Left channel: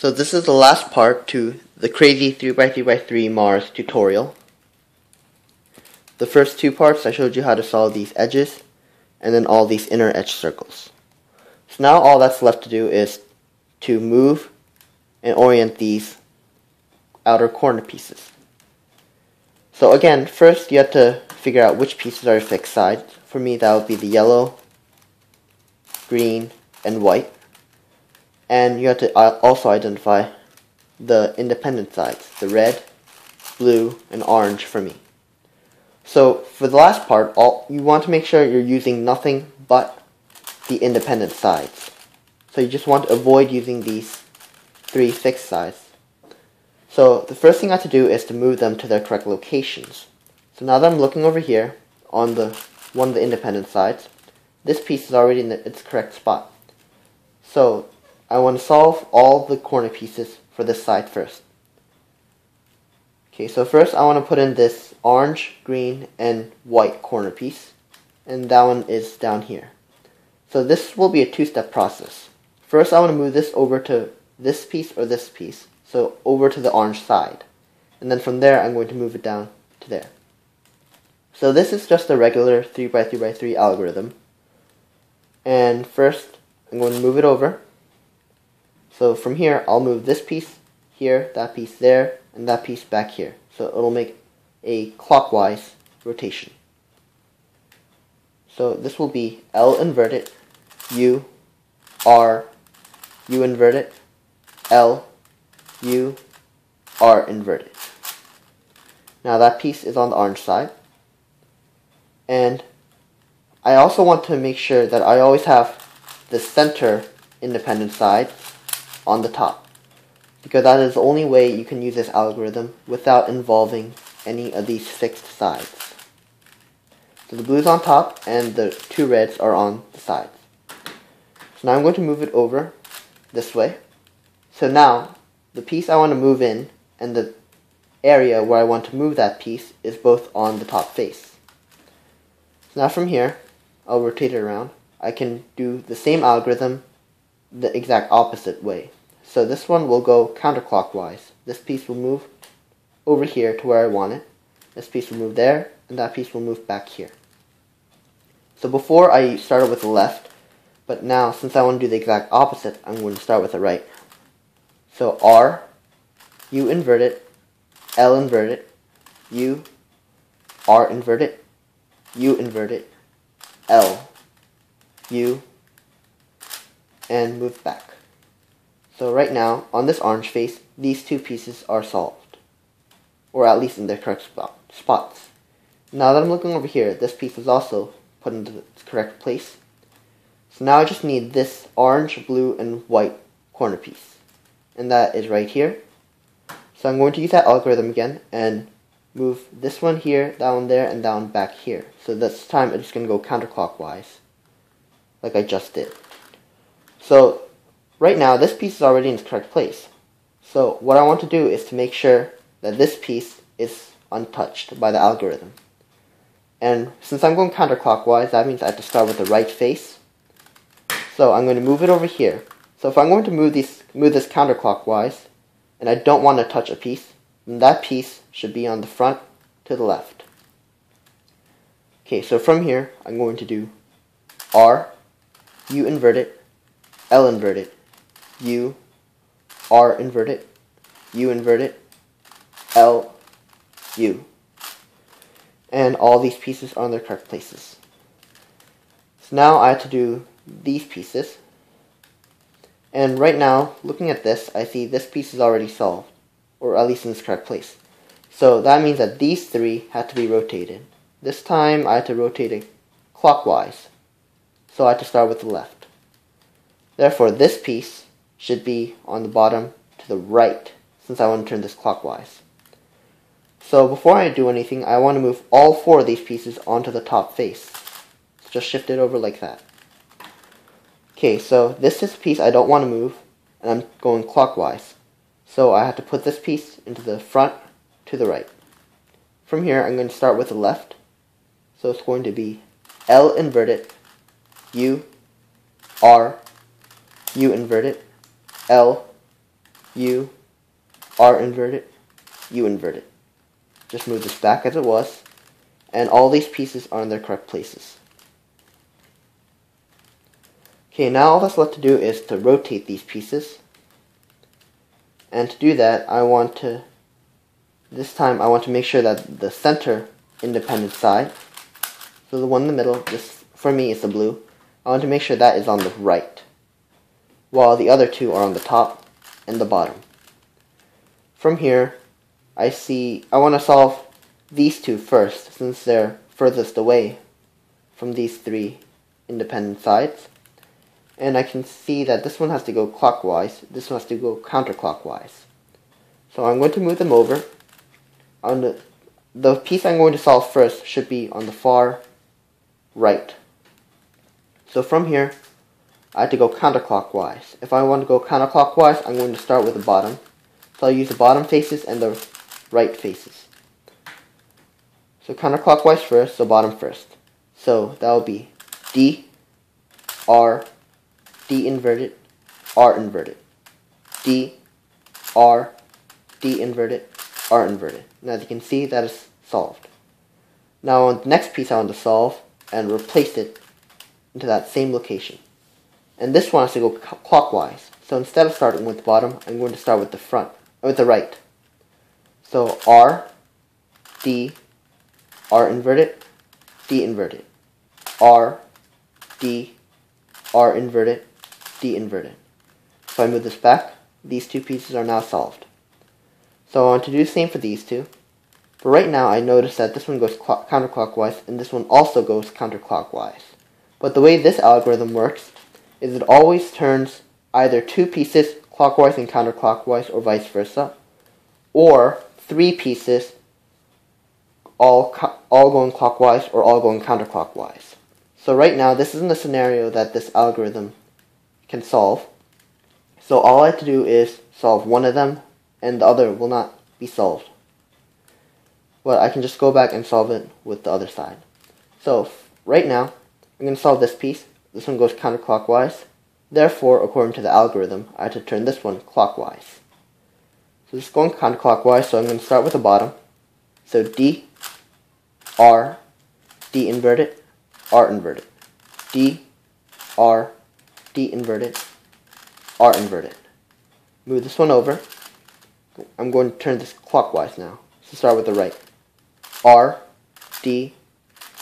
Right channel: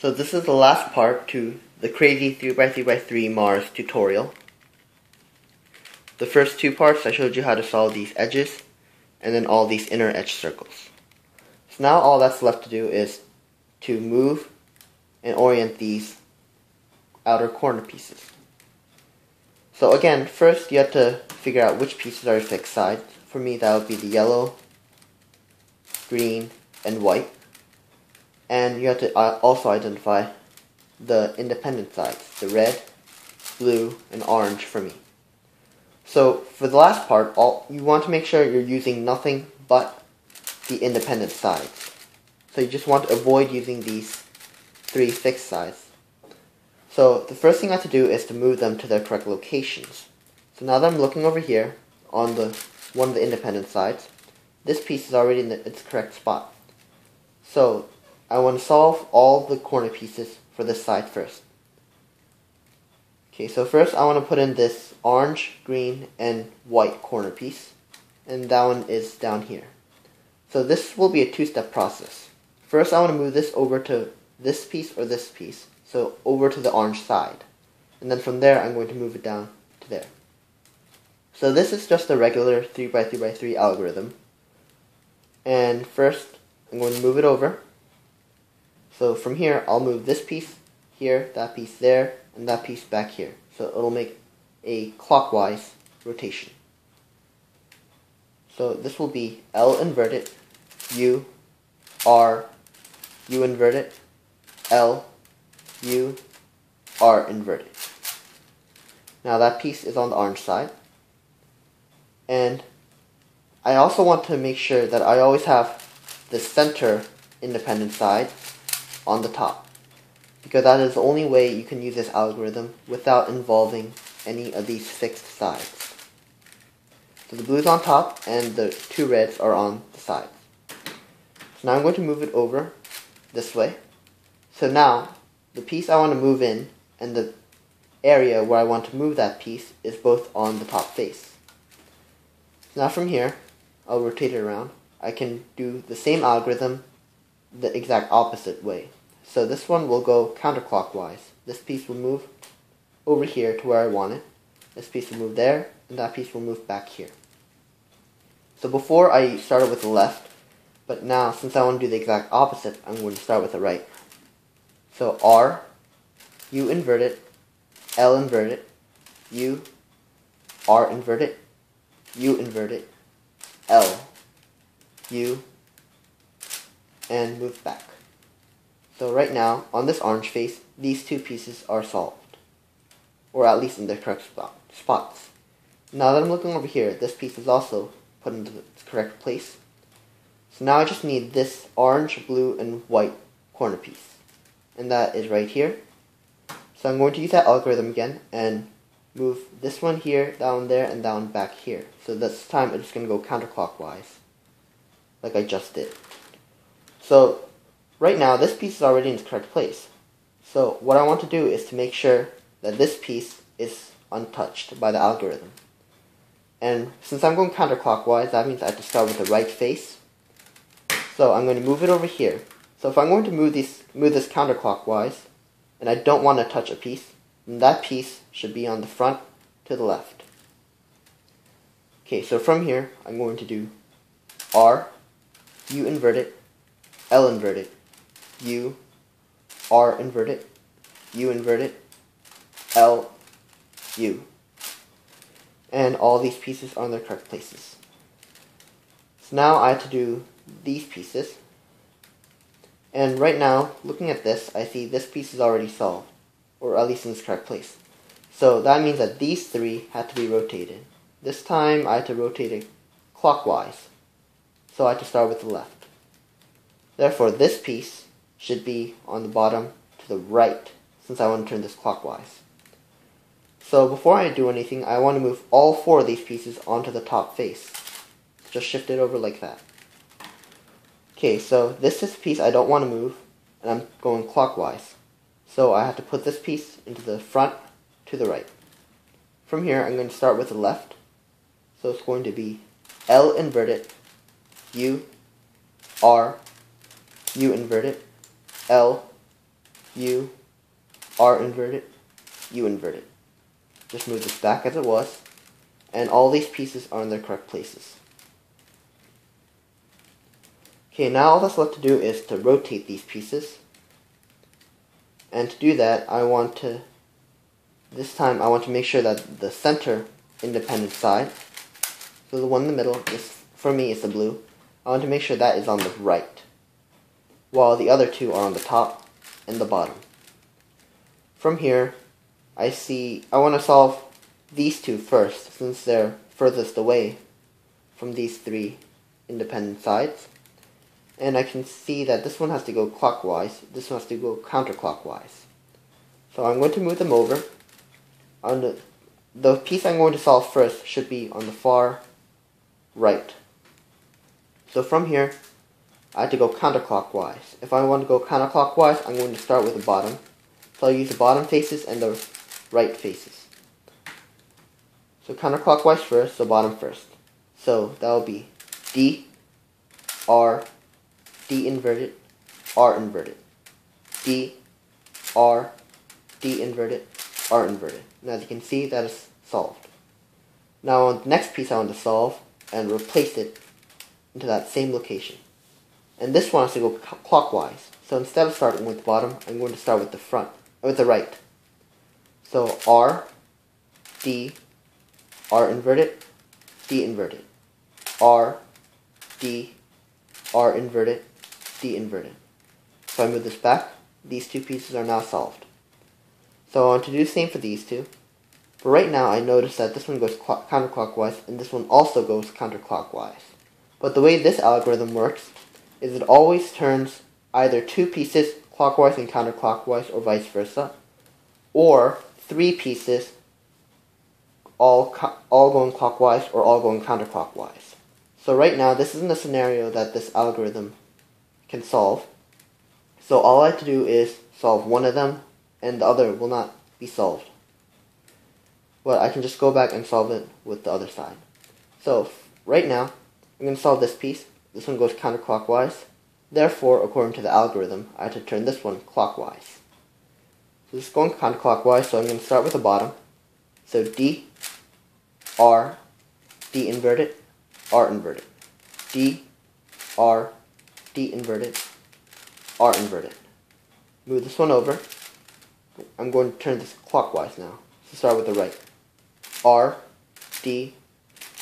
So this is the last part to the crazy 3x3x3 Mars tutorial. The first two parts I showed you how to solve these edges and then all these inner edge circles. So now all that's left to do is to move and orient these outer corner pieces. So again, first you have to figure out which pieces are fixed sides. For me that would be the yellow, green, and white. And you have to also identify the independent sides, the red, blue, and orange for me. So for the last part, you want to make sure you're using nothing but the independent sides. So you just want to avoid using these three fixed sides. So the first thing I have to do is to move them to their correct locations. So now that I'm looking over here on one of the independent sides, this piece is already in its correct spot. So I want to solve all the corner pieces for this side first. Okay, so first I want to put in this orange, green, and white corner piece, and that one is down here. So this will be a two-step process. First I want to move this over to this piece or this piece, so over to the orange side, and then from there I'm going to move it down to there. So this is just a regular 3x3x3 algorithm, and first I'm going to move it over. So from here I'll move this piece here, that piece there, and that piece back here. So it'll make a clockwise rotation. So this will be L inverted, U, R, U inverted, L, U, R inverted. Now that piece is on the orange side. And I also want to make sure that I always have the center independent side on the top, because that is the only way you can use this algorithm without involving any of these fixed sides. So the blue's on top and the two reds are on the sides. So now I'm going to move it over this way. So now the piece I want to move in and the area where I want to move that piece is both on the top face. So now from here, I'll rotate it around. I can do the same algorithm the exact opposite way. So this one will go counterclockwise. This piece will move over here to where I want it. This piece will move there, and that piece will move back here. So before I started with the left, but now since I want to do the exact opposite, I'm going to start with the right. So R, U inverted, L inverted, U, R inverted, U inverted, L, U, and move back. So right now, on this orange face, these two pieces are solved, or at least in their correct spots. Now that I'm looking over here, this piece is also put into its correct place. So now I just need this orange, blue, and white corner piece, and that is right here. So I'm going to use that algorithm again and move this one here, down there, and down back here. So this time I'm just going to go counterclockwise, like I just did. So right now, this piece is already in its correct place. So what I want to do is to make sure that this piece is untouched by the algorithm. And since I'm going counterclockwise, that means I have to start with the right face. So I'm going to move it over here. So if I'm going to move this counterclockwise, and I don't want to touch a piece, then that piece should be on the front to the left. Okay, so from here, I'm going to do R, U inverted, L inverted, U, R inverted, U inverted, L, U. And all these pieces are in their correct places. So now I have to do these pieces. And right now, looking at this, I see this piece is already solved, or at least in its correct place. So that means that these three have to be rotated. This time I have to rotate it clockwise. So I have to start with the left. Therefore, this piece should be on the bottom to the right, since I want to turn this clockwise. So before I do anything, I want to move all four of these pieces onto the top face. So just shift it over like that. Okay, so this is the piece I don't want to move, and I'm going clockwise. So I have to put this piece into the front to the right. From here, I'm going to start with the left. So it's going to be L inverted, U, R, U inverted, L, U, R inverted, U inverted. Just move this back as it was, and all these pieces are in their correct places. Okay, now all that's left to do is to rotate these pieces. And to do that, this time I want to make sure that the center independent side, so the one in the middle, this for me is the blue, I want to make sure that is on the right, while the other two are on the top and the bottom. From here, I want to solve these two first, since they're furthest away from these three independent sides. And I can see that this one has to go clockwise, this one has to go counterclockwise. So I'm going to move them over. The piece I'm going to solve first should be on the far right. So from here, I have to go counterclockwise. If I want to go counterclockwise, I'm going to start with the bottom. So I'll use the bottom faces and the right faces. So counterclockwise first, so bottom first. So that will be D, R, D inverted, R inverted. D, R, D inverted, R inverted. And as you can see, that is solved. Now on the next piece I want to solve and replace it into that same location. And this one has to go clockwise. So instead of starting with the bottom, I'm going to start with the right. So R, D, R inverted, D inverted. R, D, R inverted, D inverted. So I move this back. These two pieces are now solved. So I want to do the same for these two. But right now I notice that this one goes counterclockwise and this one also goes counterclockwise. But the way this algorithm works is it always turns either two pieces clockwise and counterclockwise or vice versa, or three pieces all going clockwise or all going counterclockwise. So right now this isn't a scenario that this algorithm can solve. So all I have to do is solve one of them and the other will not be solved. But I can just go back and solve it with the other side. So right now I'm going to solve this piece. This one goes counterclockwise. Therefore, according to the algorithm, I have to turn this one clockwise. So this is going counterclockwise, so I'm going to start with the bottom. So D, R, D inverted, R inverted. D, R, D inverted, R inverted. Move this one over. I'm going to turn this clockwise now. So start with the right. R, D,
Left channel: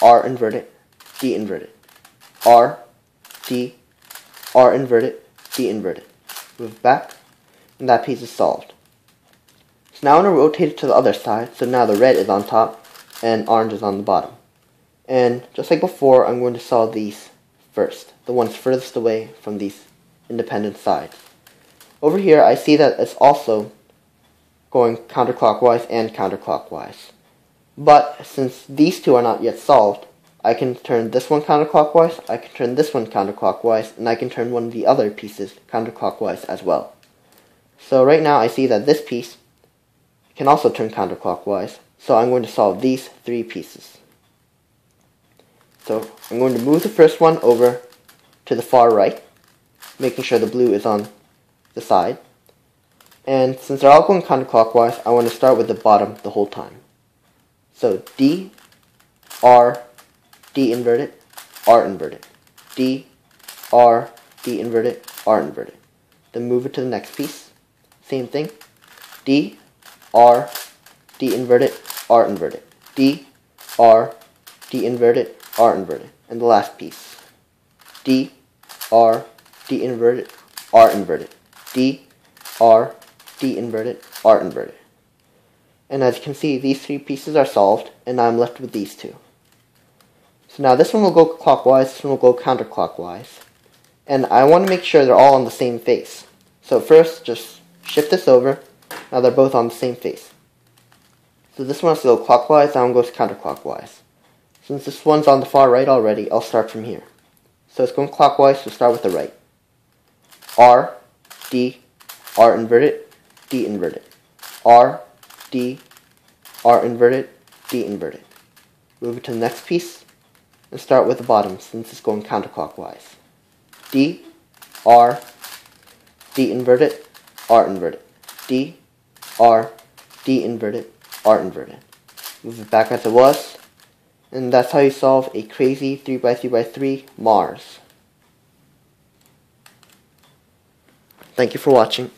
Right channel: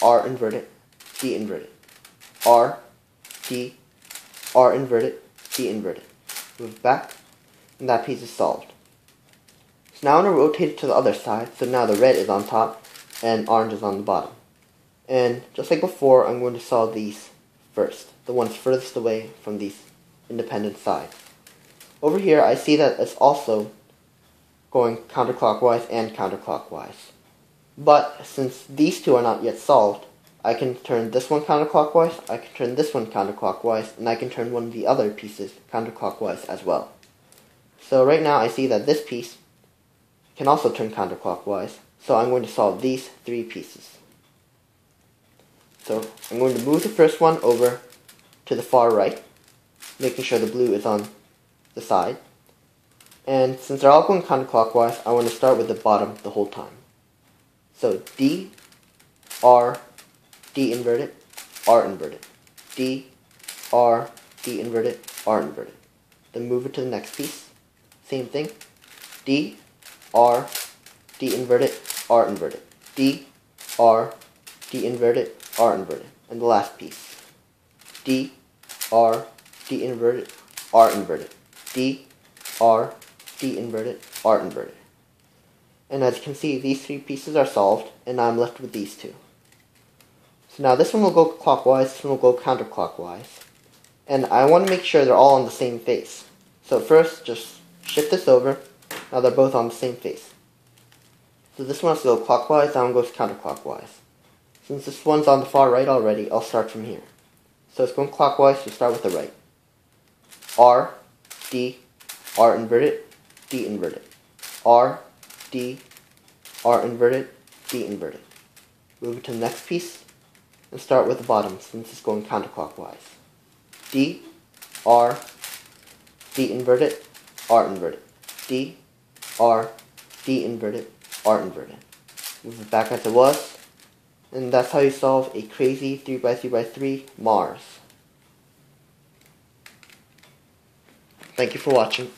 R inverted, D inverted. R, D, R inverted, D inverted. Move back, and that piece is solved. So now I'm going to rotate it to the other side, so now the red is on top, and orange is on the bottom. And just like before, I'm going to solve these first, the ones furthest away from these independent sides. Over here, I see that it's also going counterclockwise and counterclockwise. But since these two are not yet solved, I can turn this one counterclockwise, I can turn this one counterclockwise, and I can turn one of the other pieces counterclockwise as well. So right now I see that this piece can also turn counterclockwise, so I'm going to solve these three pieces. So I'm going to move the first one over to the far right, making sure the blue is on the side. And since they're all going counterclockwise, I want to start with the bottom the whole time. So D, R, D inverted, R inverted. D, R, D inverted, R inverted. Then move it to the next piece. Same thing. D, R, D inverted, R inverted. D, R, D inverted, R inverted. And the last piece. D, R, D inverted, R inverted. D, R, D inverted, R inverted. And as you can see, these three pieces are solved, and now I'm left with these two. So now this one will go clockwise, this one will go counterclockwise. And I want to make sure they're all on the same face. So first, just shift this over. Now they're both on the same face. So this one has to go clockwise, that one goes counterclockwise. Since this one's on the far right already, I'll start from here. So it's going clockwise, so start with the right. R, D, R inverted, D inverted. R, D, R inverted, D inverted. Move it to the next piece, and start with the bottom since it's going counterclockwise. D, R, D inverted, R inverted. D, R, D inverted, R inverted. Move it back as it was. And that's how you solve a crazy 3x3x3 Mars. Thank you for watching.